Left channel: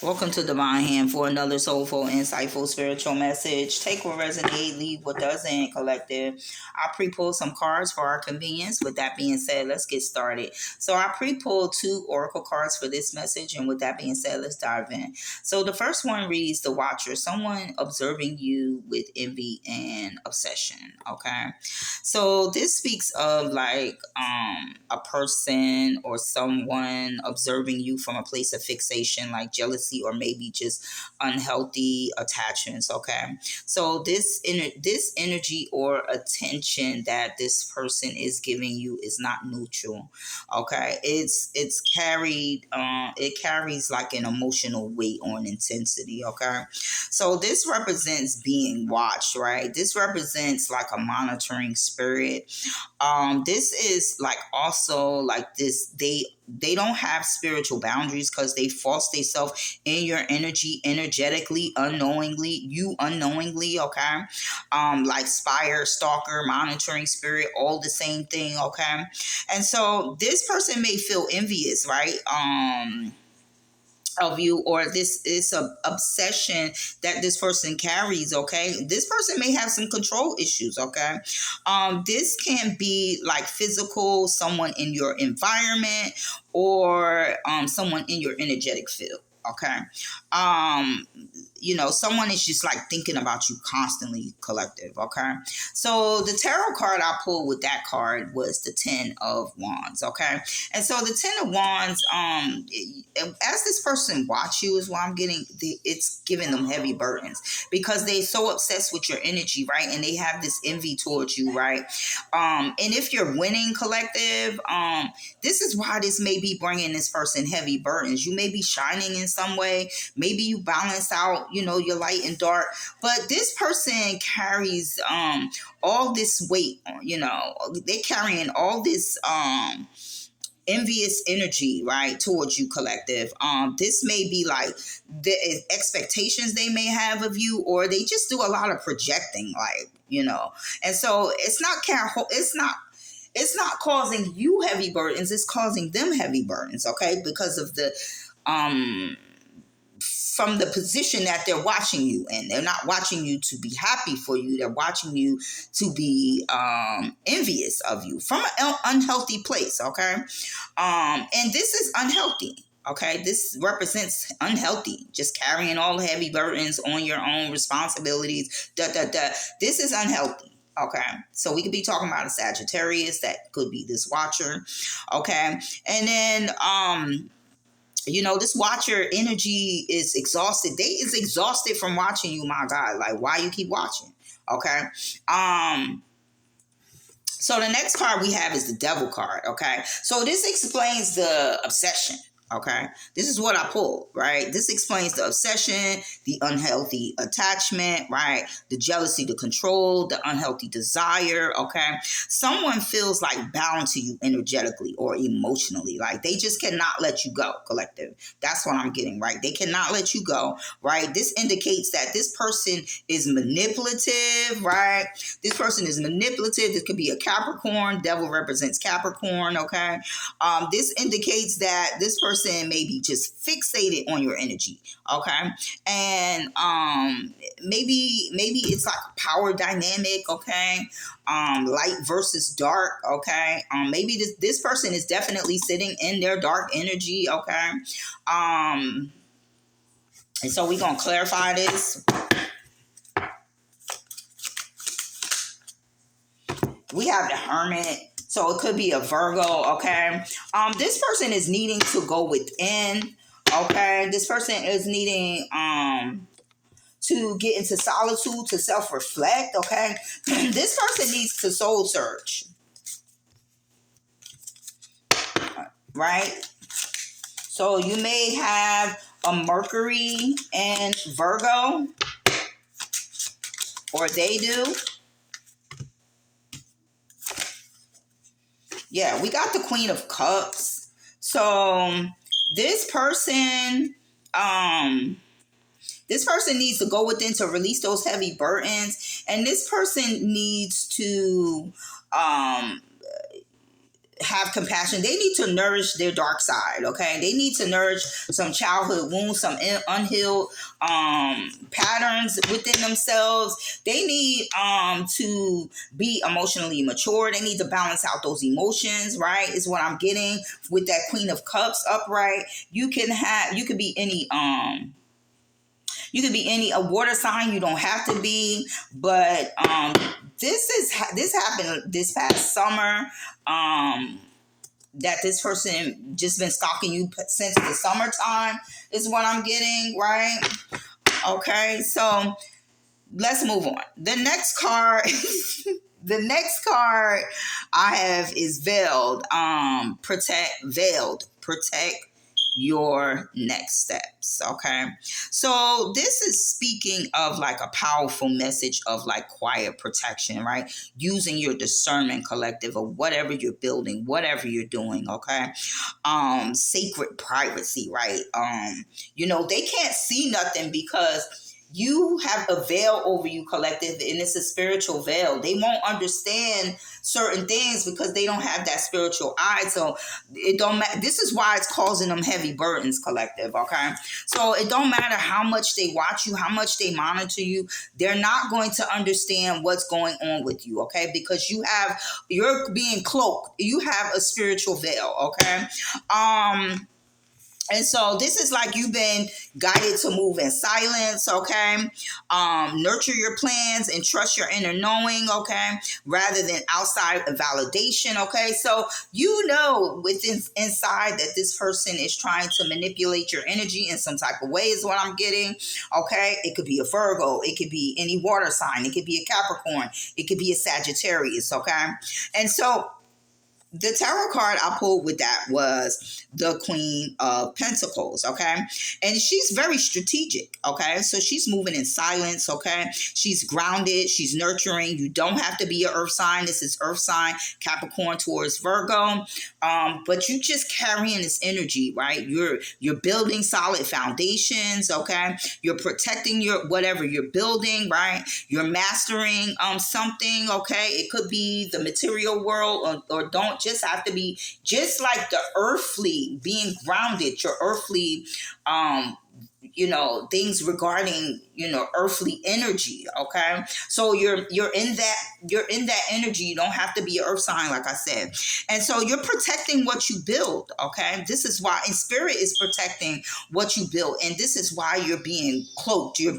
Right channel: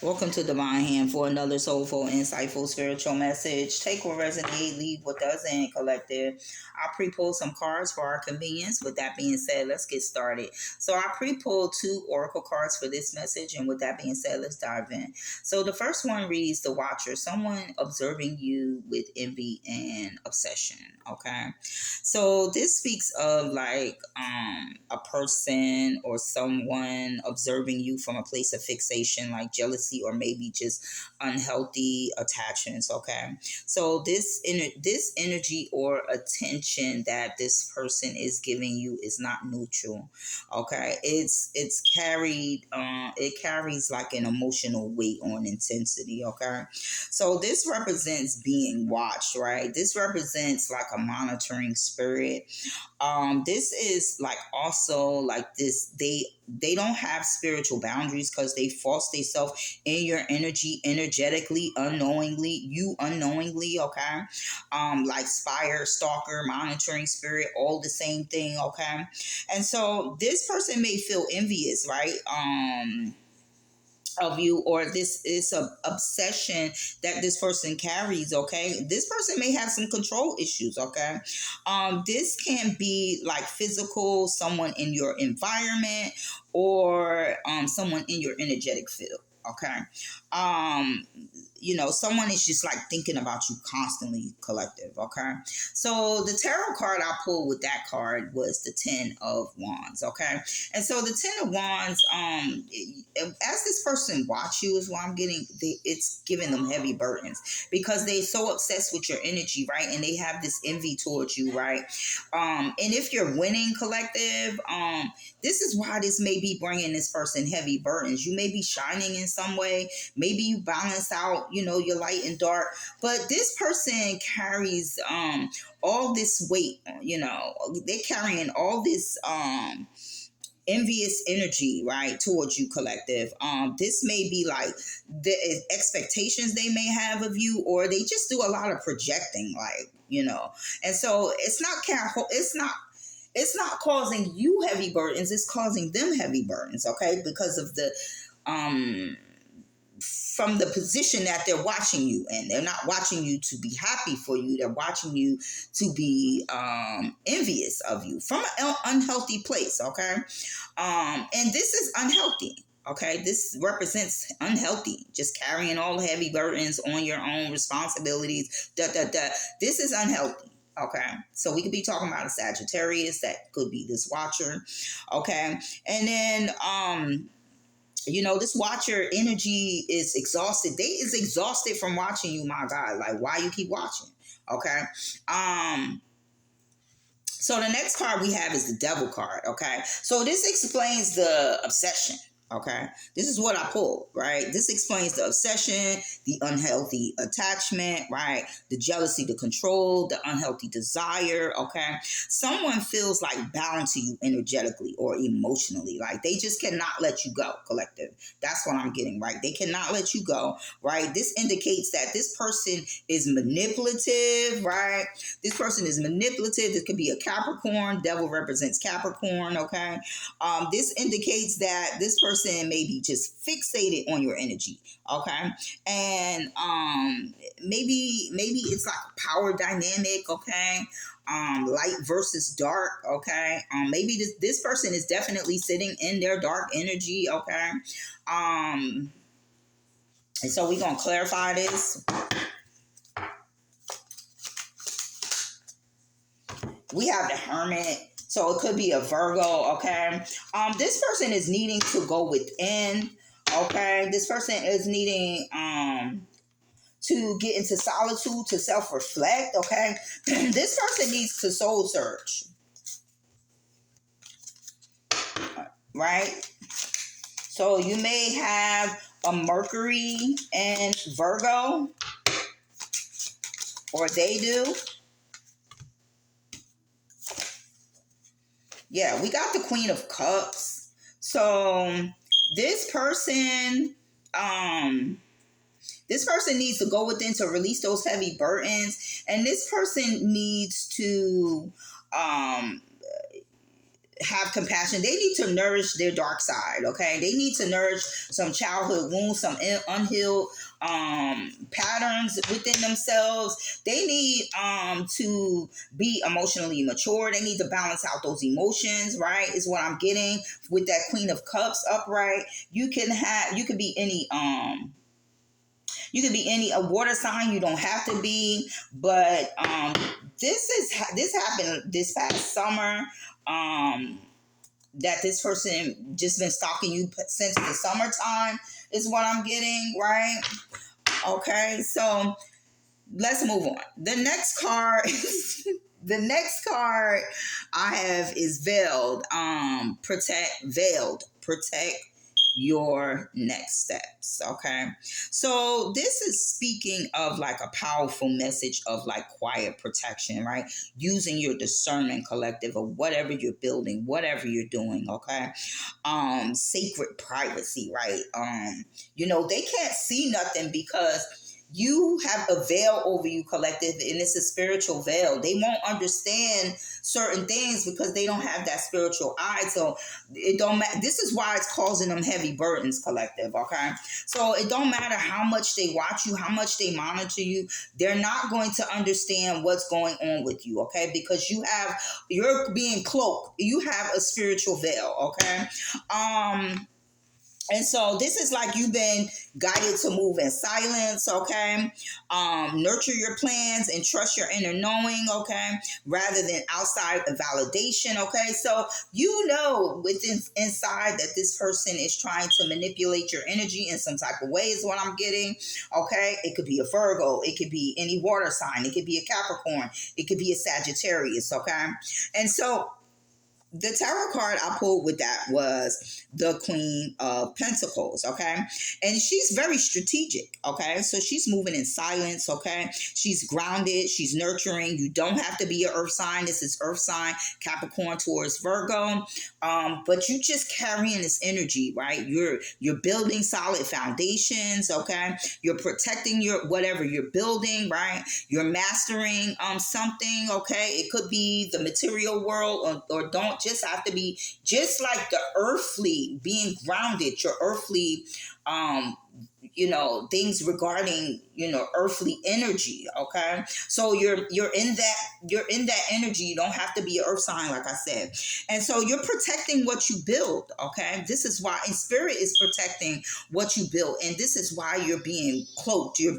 Welcome to Divine Hand for another soulful, insightful, spiritual message. Take what resonates, leave what doesn't, collective. I pre-pulled some cards for our convenience. With that being said, let's get started. So I pre-pulled two oracle cards for this message, and with that being said, let's dive in. So the first one reads the Watcher, someone observing you with envy and obsession. Okay. So this speaks of like a person or someone observing you from a place of fixation, like jealousy or maybe just unhealthy attachments. Okay, so this energy or attention that this person is giving you is not neutral. Okay, it's carried. It carries like an emotional weight on intensity. Okay, so this represents being watched, right? This represents like a monitoring spirit. This is like also like this they don't have spiritual boundaries because they force themselves in your energy energetically, unknowingly, you unknowingly. Okay, like spire, stalker, monitoring spirit, all the same thing. Okay, and so this person may feel envious, right? Of you, or this is a obsession that this person carries. Okay, this person may have some control issues. Okay, this can be like physical, someone in your environment, or someone in your energetic field. Okay, um someone is just like thinking about you constantly, collective. Okay, so the tarot card I pulled with that card was the 10 of Wands. Okay, and so the 10 of Wands, as this person watch you is what I'm getting. It's giving them heavy burdens because they so obsessed with your energy, right? And they have this envy towards you, right? And if you're winning, collective, this is why this may be bringing this person heavy burdens. You may be shining in some way. Maybe you balance out, your light and dark. But this person carries all this weight. They carrying all this envious energy, right, towards you, collective. This may be like the expectations they may have of you, or they just do a lot of projecting, like, and so it's not causing you heavy burdens, it's causing them heavy burdens. Okay, because of the um from the position that they're watching you in. They're not watching you to be happy for you. They're watching you to be envious of you from an unhealthy place. Okay, and this is unhealthy. Okay, this represents unhealthy, just carrying all the heavy burdens on your own responsibilities. This is unhealthy. Okay, so we could be talking about a Sagittarius, that could be this Watcher. Okay, and then this Watcher energy is exhausted. They is exhausted from watching you, my God. Like, why you keep watching? Okay. So the next card we have is the Devil card. Okay, so this explains the obsession. Okay, this is what I pulled, right? This explains the obsession, the unhealthy attachment, right? The jealousy, the control, the unhealthy desire. Okay, someone feels like bound to you energetically or emotionally, like they just cannot let you go, collective. That's what I'm getting, right? They cannot let you go, right? This indicates that this person is manipulative, right? This person is manipulative. This could be a Capricorn. Devil represents Capricorn. Okay. This indicates that this person may be just fixated on your energy. Okay. And maybe it's like a power dynamic. Okay. Light versus dark. Okay. Maybe this person is definitely sitting in their dark energy. Okay. And so we're gonna clarify this. We have the Hermit. So it could be a Virgo. Okay. This person is needing to go within. Okay. This person is needing to get into solitude, to self-reflect. Okay. This person needs to soul search. Right. So you may have a Mercury and Virgo, or they do. Yeah, we got the Queen of Cups. So this person, this person needs to go within to release those heavy burdens, and this person needs to, um, have compassion. They need to nourish their dark side, okay? They need to nourish some childhood wounds, some unhealed patterns within themselves. They need to be emotionally mature. They need to balance out those emotions, right? Is what I'm getting with that Queen of Cups upright. You could be any a water sign. You don't have to be, but this happened this past summer. That this person just been stalking you since the summertime is what I'm getting, right? Okay, so let's move on. The next card, the next card I have is veiled. Protect your next steps. Okay, so this is speaking of like a powerful message of like quiet protection, right? Using your discernment collective of whatever you're building, whatever you're doing. Okay, sacred privacy, right? They can't see nothing because you have a veil over you, collective, and it's a spiritual veil. They won't understand certain things because they don't have that spiritual eye. So it don't matter. This is why it's causing them heavy burdens, collective. Okay, so it don't matter how much they watch you, how much they monitor you. They're not going to understand what's going on with you. Okay, because you're being cloaked. You have a spiritual veil. Okay. And so this is like you've been guided to move in silence, okay? Nurture your plans and trust your inner knowing, okay? Rather than outside validation, okay? So within inside that this person is trying to manipulate your energy in some type of way is what I'm getting, okay? It could be a Virgo. It could be any water sign. It could be a Capricorn. It could be a Sagittarius, okay? And so the tarot card I pulled with that was the Queen of Pentacles, okay? And she's very strategic, okay? So she's moving in silence, okay? She's grounded, she's nurturing. You don't have to be an earth sign. This is earth sign, Capricorn towards Virgo. But you just carrying this energy, right? You're building solid foundations, okay? You're protecting your whatever you're building, right? You're mastering something, okay? It could be the material world or don't just have to be just like the earthly being grounded, your earthly things regarding earthly energy, okay? So you're in that energy. You don't have to be an earth sign, like I said. And so you're protecting what you build, okay? This is why, and spirit is protecting what you build, and this is why you're being cloaked. You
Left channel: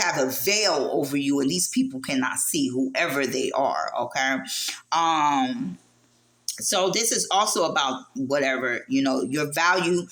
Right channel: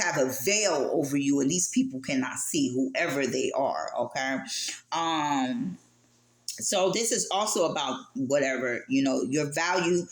have a veil over you, and these people cannot see whoever they are, okay? So this is also about whatever, your value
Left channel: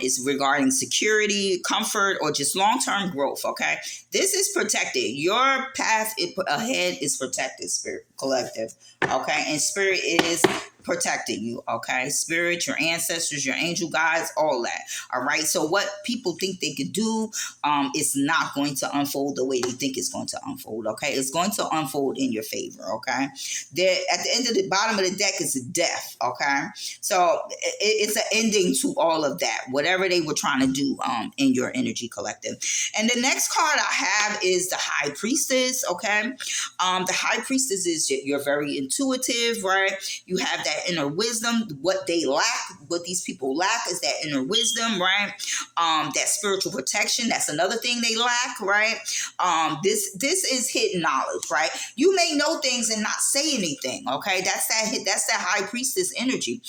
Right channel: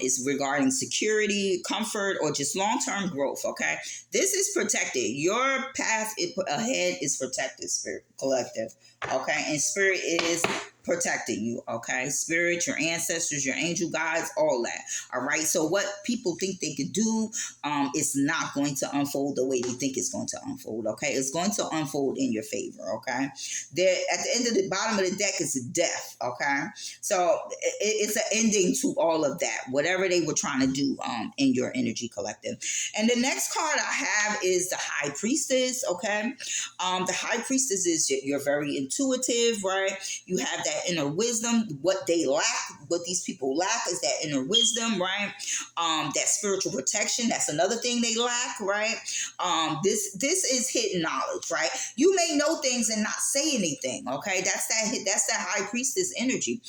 is regarding security, comfort, or just long-term growth, okay? This is protected. Your path ahead is protected, spirit collective, okay? And spirit is protecting you, okay? Spirit, your ancestors, your angel guides, all that, all right? So what people think they could do is not going to unfold the way they think it's going to unfold, okay? It's going to unfold in your favor, okay? There, at the end of the bottom of the deck is death, okay? So it's an ending to all of that, whatever they were trying to do in your energy collective. And the next card I have is the High Priestess, okay? The High Priestess is you're very intuitive, right? You have that inner wisdom. What these people lack is that inner wisdom, right? That spiritual protection. That's another thing they lack, right? This is hidden knowledge, right? You may know things and not say anything, okay? That's that High Priestess energy.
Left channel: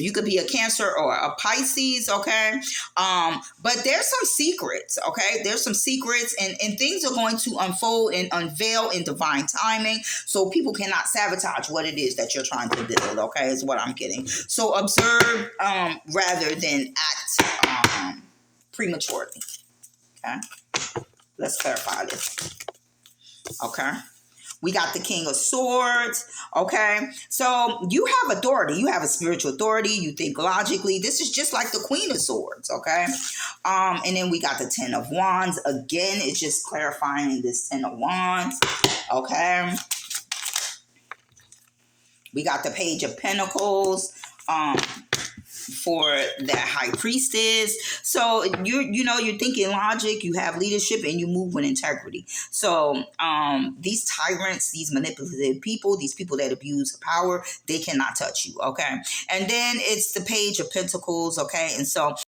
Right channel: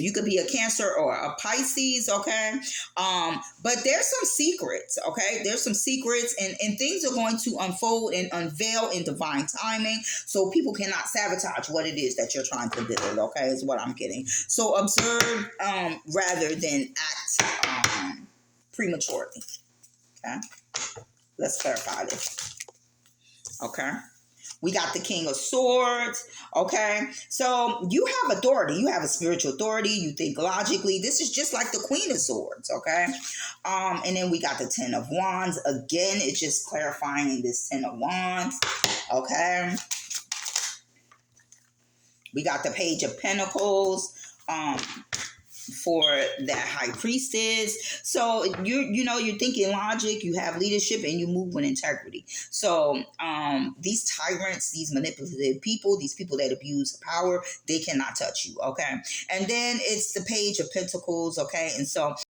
You could be a Cancer or a Pisces, okay? But there's some secrets, okay? There's some secrets, and things are going to unfold and unveil in divine timing, so people cannot sabotage what it is that you're trying to build, okay? Is what I'm getting. So observe rather than act prematurely, okay? Let's clarify this, okay? We got the King of Swords, okay? So you have authority. You have a spiritual authority. You think logically. This is just like the Queen of Swords, okay? And then we got the Ten of Wands. Again, it's just clarifying this Ten of Wands, okay? We got the Page of Pentacles, for that high priestess. So you're thinking logic, you have leadership, and you move with integrity. So these tyrants, these manipulative people, these people that abuse power, they cannot touch you. Okay. And then it's the Page of Pentacles. Okay. And so